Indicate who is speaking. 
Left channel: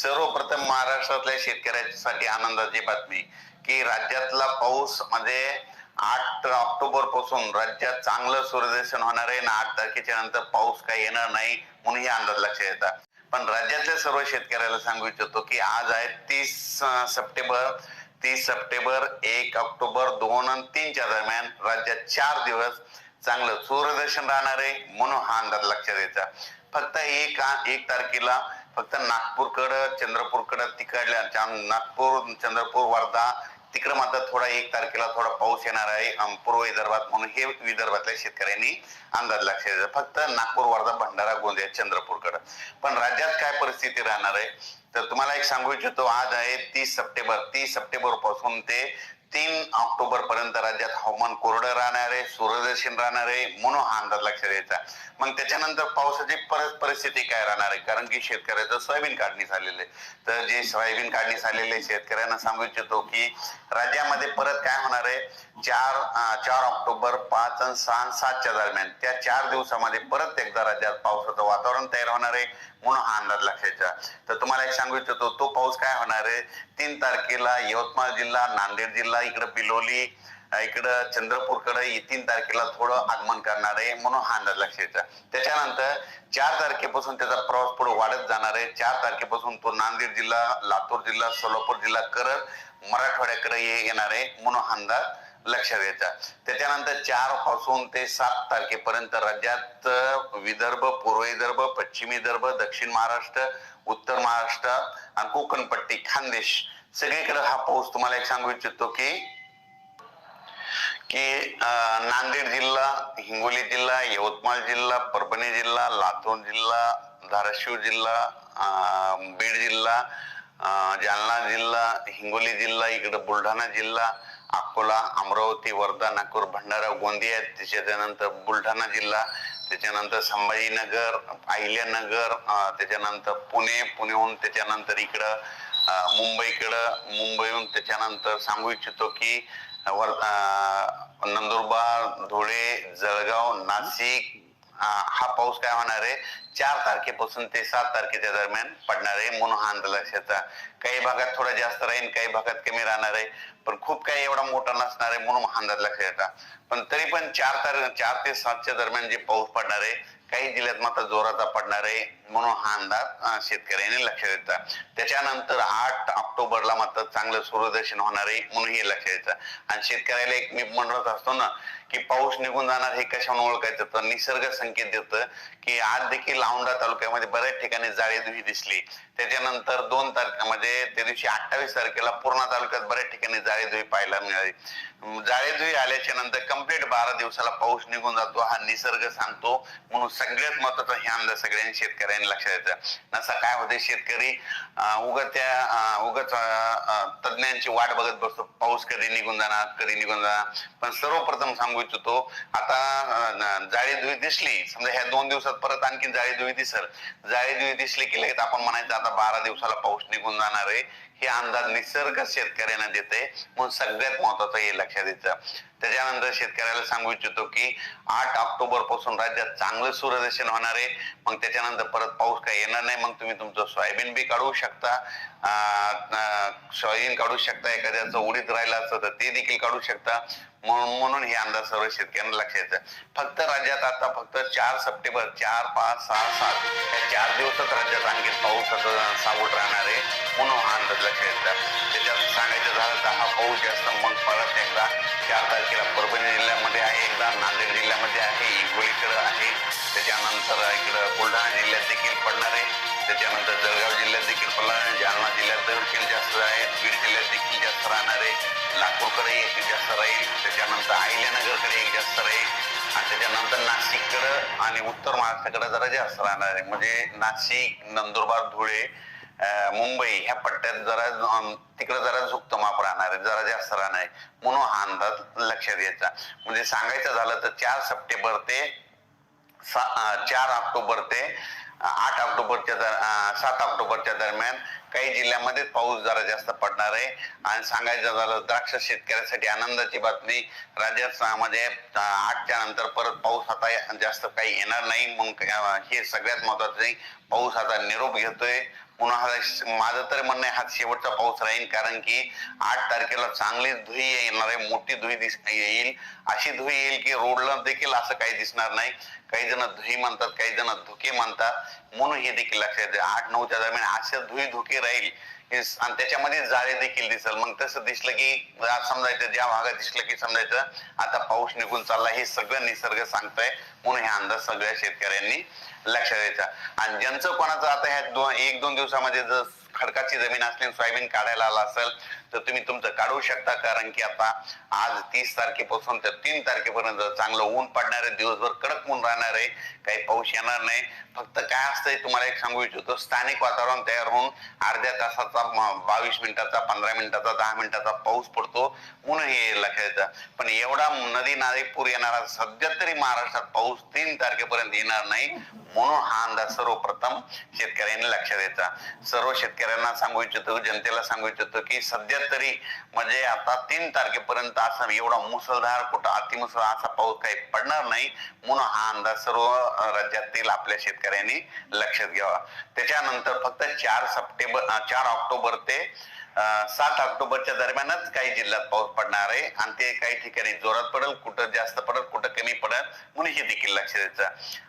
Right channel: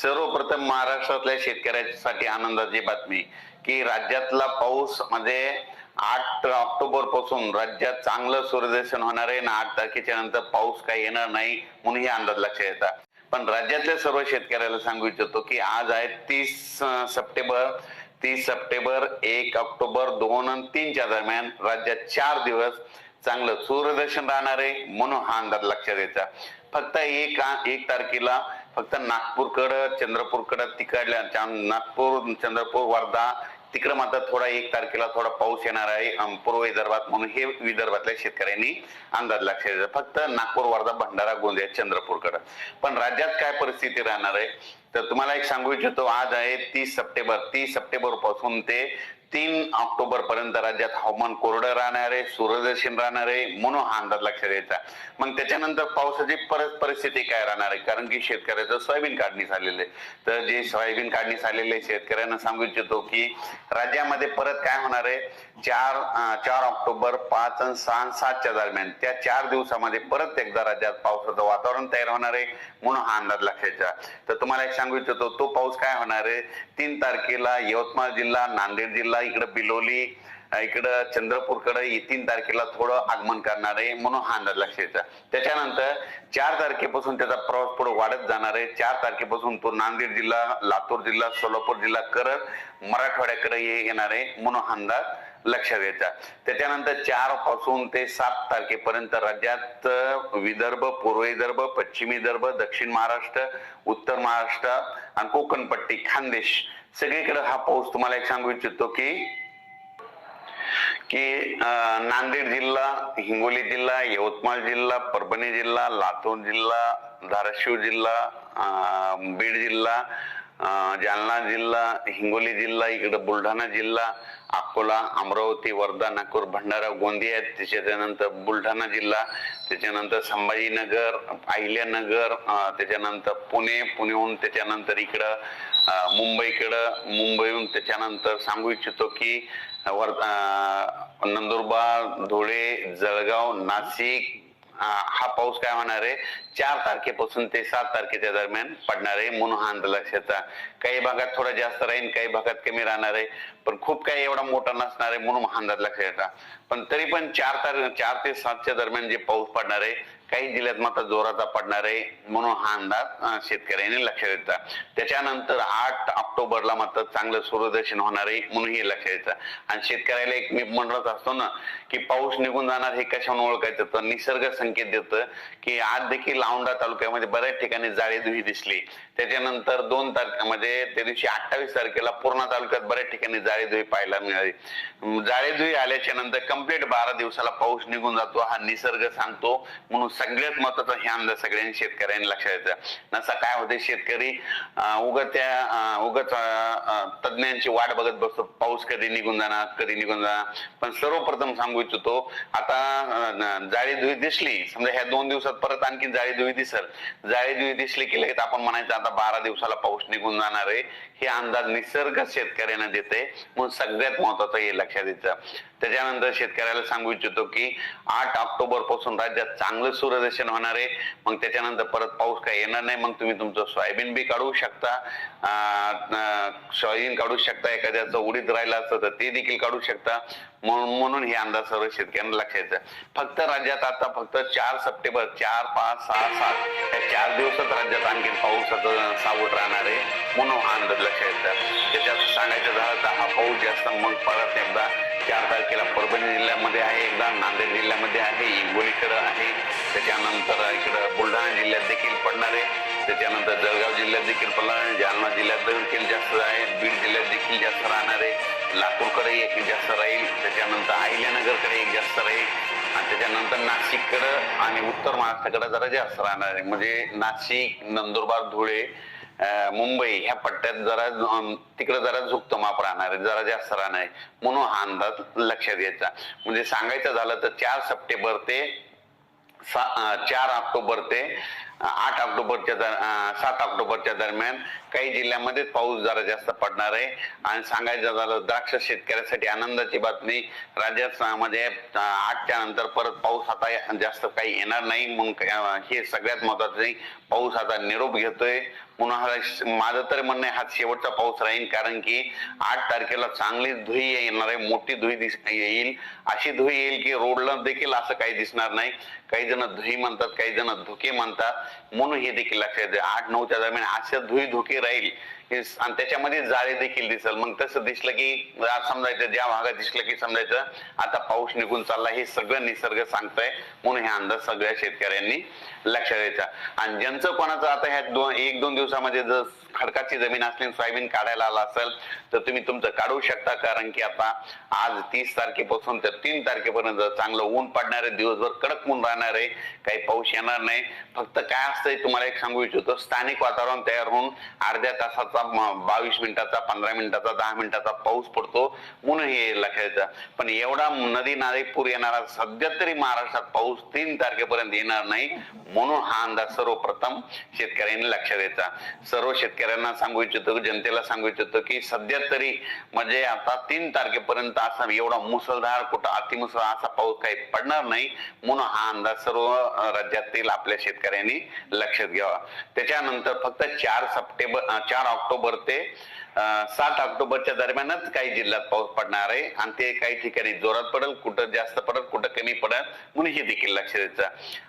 Speaker 1: सर्वप्रथम महाराष्ट्रातल्या शेतकऱ्यासाठी आनंदाची बातमी की राज्यातला पाऊस म्हणजे आठ ऑक्टोबरपासून राज्यात चांगलं सूर्यदर्शन होणार आहे आणि आठ तारखेच्या नंतर पाऊस काही येणार नाही म्हणून हे अंदाज लक्षात येतात. पण राज्यातल्या सर्व शेतकऱ्याला सांगू इच्छितो की आज आहे तीस सप्टेंबर तीस सप्टेंबर एक ऑक्टोबर दोन आणि तीनच्या दरम्यान राज्यात चार दिवस चांगलं सूर्यदर्शन राहणार आहे म्हणून हा अंदाज लक्षात यायचा फक्त एक एक तारखेला फक्त नागपूरकडं चंद्रपूरकडं तिकडल्या नागपूर चंद्रपूर वर्धा तिकडं मात्र थोडा एक तारखेला थोडा पाऊस येणार आहे. पूर्व विदर्भात म्हणून हे विदर्भातल्या शेतकऱ्यांनी अंदाज लक्षात द्यायचा. फक्त नागपूर वर्धा भंडारा गोंदिया चंद्रपूरकडं. पण राज्यात काय परिस्थिती राहणार आहे? तर तुम्हाला एक सांगू इच्छितो आज आहे तीस सप्टेंबर. तीस सप्टेंबरपासून ते तीन ऑक्टोबर पर्यंत राज्यात हवामान कोरडं राहणार आहे सूर्यदर्शन राहणार आहे म्हणून हा अंदाज लक्षात द्यायचा मग त्याच्यानंतर पावसाची परत परिस्थिती काय राहणार आहे? कारण की शेतकऱ्याचं सोयाबीन काढणी झालेलं आहे. तर जे सोयाबीन काढणी झालेले आहे, शेतकऱ्यांना सांगू इच्छितो की राज्यामध्ये परत काय होणार आहे? चार चार ऑक्टोबर पाच आणि सहा सातच्या दरम्यान. त्या चार दिवसामध्ये परत एकदा राज्यात पावसाचं वातावरण तयार होणार आहे म्हणून हा अंदाज लक्षायचा तर तुम्हाला एक सांगू इच्छितो तो पाऊस काय होणार आहे? तीन तारखेला यवतमाळ जिल्हा नांदेड जिल्हा इकडं बिलोली इकडं चंद्रपूरकडे तीन तारखेला थोडं आगमन करणार आहे म्हणून हा अंदाज लक्षाचा त्याच्यानंतर चार तारखेपासून त्याचा प्रवास पुढे वाढत जाणार आहे. चार तारखेपासून तो नांदेड जिल्हा लातूर जिल्हा सोलापूर जिल्हा करत मराठवाड्याकडे येणार आहे म्हणून हा अंदाज लक्षात यायचा त्याच्यानंतर चारपासून ते सात तारखेपर्यंत राज्यात विदर्भ पूर्व विदर्भ पश्चिम विदर्भ दक्षिण महाराष्ट्र उत्तर महाराष्ट्र आणि कोकणपट्टी खानदेश सगळीकडे हा पाऊस तुम्हाला एक सांगू इच्छितो की की नांदेड जिल्हा हिंगोली जिल्हा यवतमाळ जिल्हा परभणी जिल्हा लातूर जिल्हा धाराशिव जिल्हा बीड जिल्हा जालना जिल्हा हिंगोली जिल्हा इकडे बुलढाणा जिल्हा अकोला अमरावती वर्धा नागपूर भंडारा गोंदिया त्याच्यानंतर बुलढाणा जिल्हा त्याच्यानंतर संभाजीनगर अहिल्यानगर त्याच्यानंतर पुणे पुणेहून त्याच्यानंतर इकडं मुंबईकडं मुंबईहून त्याच्यानंतर सांगू इच्छितो की वर नंदुरबार धुळे जळगाव नाशिक हा पाऊस काय होणार आहे? चार तारखेपासून ते सात तारखेच्या दरम्यान पडणार आहे म्हणून हा अंदाज काही भागात थोडा जास्त राहील काही भागात कमी राहणार आहे. पण खूप काही एवढा मोठा नसणार आहे म्हणून हा अंदाज लक्षात येतात पण तरी पण चार तार चार ते सातच्या दरम्यान जे पाऊस पडणार आहे काही जिल्ह्यात मात्र जोराचा पडणार आहे म्हणून हा अंदाज शेतकऱ्यांनी लक्षात येतात त्याच्यानंतर आठ ऑक्टोबरला मात्र चांगलं सूर्यदर्शन होणार आहे म्हणून हे लक्षात येतं आणि शेतकऱ्याला एक मी म्हणत असतो ना की पाऊस निघून जाणार हे कशाने ओळखायचं? तर निसर्ग संकेत देतं की आज देखील औंढा तालुक्यामध्ये बऱ्याच ठिकाणी जाळीधुई दिसली. त्याच्यानंतर दोन तारखेमध्ये त्या दिवशी अठ्ठावीस तारखेला पूर्णा तालुक्यात बऱ्याच ठिकाणी जाळेधुई पाहायला मिळाली. जाळेधुई आल्याच्यानंतर कंप्लीट बारा दिवसाला पाऊस निघून जातो हा निसर्ग सांगतो म्हणून सगळ्यात महत्त्वाचा हे आमदार सगळ्यांनी शेतकऱ्यांनी लक्षात येतं नसा काय होते शेतकरी उगत त्या उगत तज्ज्ञांची वाट बघत बसतो. पाऊस कधी निघून जाणार कधी निघून जाणार. पण सर्वप्रथम सांगू इच्छितो आता जाळी धुई दिसली. समजा ह्या दोन दिवसात परत आणखी जाळी धुई दिसल. जाळी धुई दिसली की लगेच आपण म्हणायचं आता बारा दिवसाला पाऊस निघून जाणार आहे. हे अंदाज निसर्ग शेतकऱ्यांना देते म्हणून सगळ्यात महत्वाचं हे लक्षात द्यायचं त्याच्यानंतर शेतकऱ्याला सांगू इच्छितो की आठ ऑक्टोबरपासून राज्यात चांगलं सूर्यदर्शन होणार आहे. मग त्याच्यानंतर परत पाऊस काय येणार नाही मग तुम्ही तुमचं सोयाबीन बी काढू शकता. सोयाबीन काढू शकता एखाद्याचं उडीत राहिलं असतं तर ते देखील काढू शकता. म्हणून म्हणून हे अंदाज सर्व शेतकऱ्यांना लक्षात फक्त राज्यात आता फक्त चार सप्टेंबर चार पाच सहा सात या चार दिवसात राज्यात आणखी पाऊस सावट राहणार आहे. पुन्हा हा अंदाज लक्षात त्याच्यात सांगायचं झालं तर हा पाऊस जास्त मग परत एकदा चार तारखेला परभणी जिल्ह्यामध्ये आहे एकदा नांदेड जिल्ह्यामध्ये आहे हिंगोलीकडं आहे. त्याच्यानंतर इकडं बुलढाणा जिल्ह्यात देखील पडणार आहे. त्याच्यानंतर जळगाव जिल्ह्यात देखील पडणार आहे. जालना जिल्ह्यात देखील जास्त आहे. बीड जिल्ह्यात देखील जास्त राहणार आहे. लातूरकडे एक जास्त राहील. त्याच्यानंतर अहिल्यानगरकडे एक जास्त राहील. आणि त्याच्यानंतर नाशिककडं आणि उत्तर महाराष्ट्राकडे जरा जास्त राहणार आहे. म्हणजे नाशिक नंदुरबार धुळे मुंबई ह्या पट्ट्यात जरा तिकडे जरा झुकतं माप राहणार आहे जरा जास्त राहणार. आहे म्हणून हा अंदाज लक्षात घ्यायचा. म्हणजे सांगायचं झालं तर चार सप्टेंबर ते सा- चार ऑक्टोबर ते आठ ऑक्टोबरच्या दर सात ऑक्टोबरच्या दरम्यान काही जिल्ह्यामध्ये पाऊस जरा जास्त पडणार आहे. आणि सांगायचं झालं द्राक्ष शेतकऱ्यासाठी आनंदाची बातमी. राज्यात मध्ये म्हणजे, आठच्या नंतर परत पाऊस आता जास्त काही येणार नाही. म्हणून हे सगळ्यात महत्वाचं पाऊस आता निरोप घेतोय. म्हणून माझं तर म्हणणं हा शेवटचा पाऊस राहील. कारण की आठ तारखेला चांगली धुई येणार आहे. मोठी धुई दिस येईल. अशी धुई येईल की रोडला देखील असं काही दिसणार नाही. काही जण धुई म्हणतात काही जण धुके म्हणतात. म्हणून हे देखील लक्षात आठ नऊच्या दरम्यान असे धुई धुके राहील. आणि त्याच्यामध्ये जाळे देखील दिसल. मग तसं दिसलं की समजायचं ज्या भागात दिसलं की समजायचं आता पाऊस निघून चालला हे सगळं निसर्ग सांगताय. म्हणून हे अंदाज सगळ्या शेतकऱ्यांनी लक्षात द्यायचा आणि ज्यांचं कोणाचं आता ह्या दोन एक दोन दिवसामध्ये जर खडकाची जमीन असली सोयाबीन काढायला आला असेल तर तुम्ही तुमचं काढू शकता. कारण की आता आज तीस तारखेपासून तर तीन तारखेपर्यंत चांगलं ऊन पडणार आहे दिवसभर कडक ऊन राहणार आहे काही पाऊस येणार नाही. फक्त काय असतंय तुम्हाला एक सांगू इच्छितो स्थानिक वातावरण तयार होऊन अर्ध्या तासाचा बावीस मिनिटाचा पंधरा मिनिटाचा दहा मिनिटाचा पाऊस पडतो. म्हणून हे लक्षात पण एवढा नदी नाले पूर येणारा सध्या तरी महाराष्ट्रात पाऊस तीन तारखेपर्यंत येणार नाही. म्हणून हा अंदाज सर्वप्रथम शेतकऱ्यांनी लक्ष द्यायचा सर्व शेतकऱ्यांना सांगू इच्छितो जनतेला सांगू इच्छितो की सध्या तरी म्हणजे आता तीन तारखेपर्यंत असा एवढा मुसळधार कुठं अतिमुसळ असा पाऊस काही पडणार नाही म्हणून हा अंदाज सर्व राज्यातील आपल्या शेतकऱ्यांनी लक्षात घ्यावा. त्याच्यानंतर फक्त चार सप्टेंबर चार ऑक्टोबर ते सात ऑक्टोबरच्या दरम्यानच काही जिल्ह्यात पाऊस पडणार आहे आणि ते काही ठिकाणी जोरात पडेल कुठं जास्त पडेल कुठं कमी पडेल म्हणून हे देखील लक्ष द्यायचं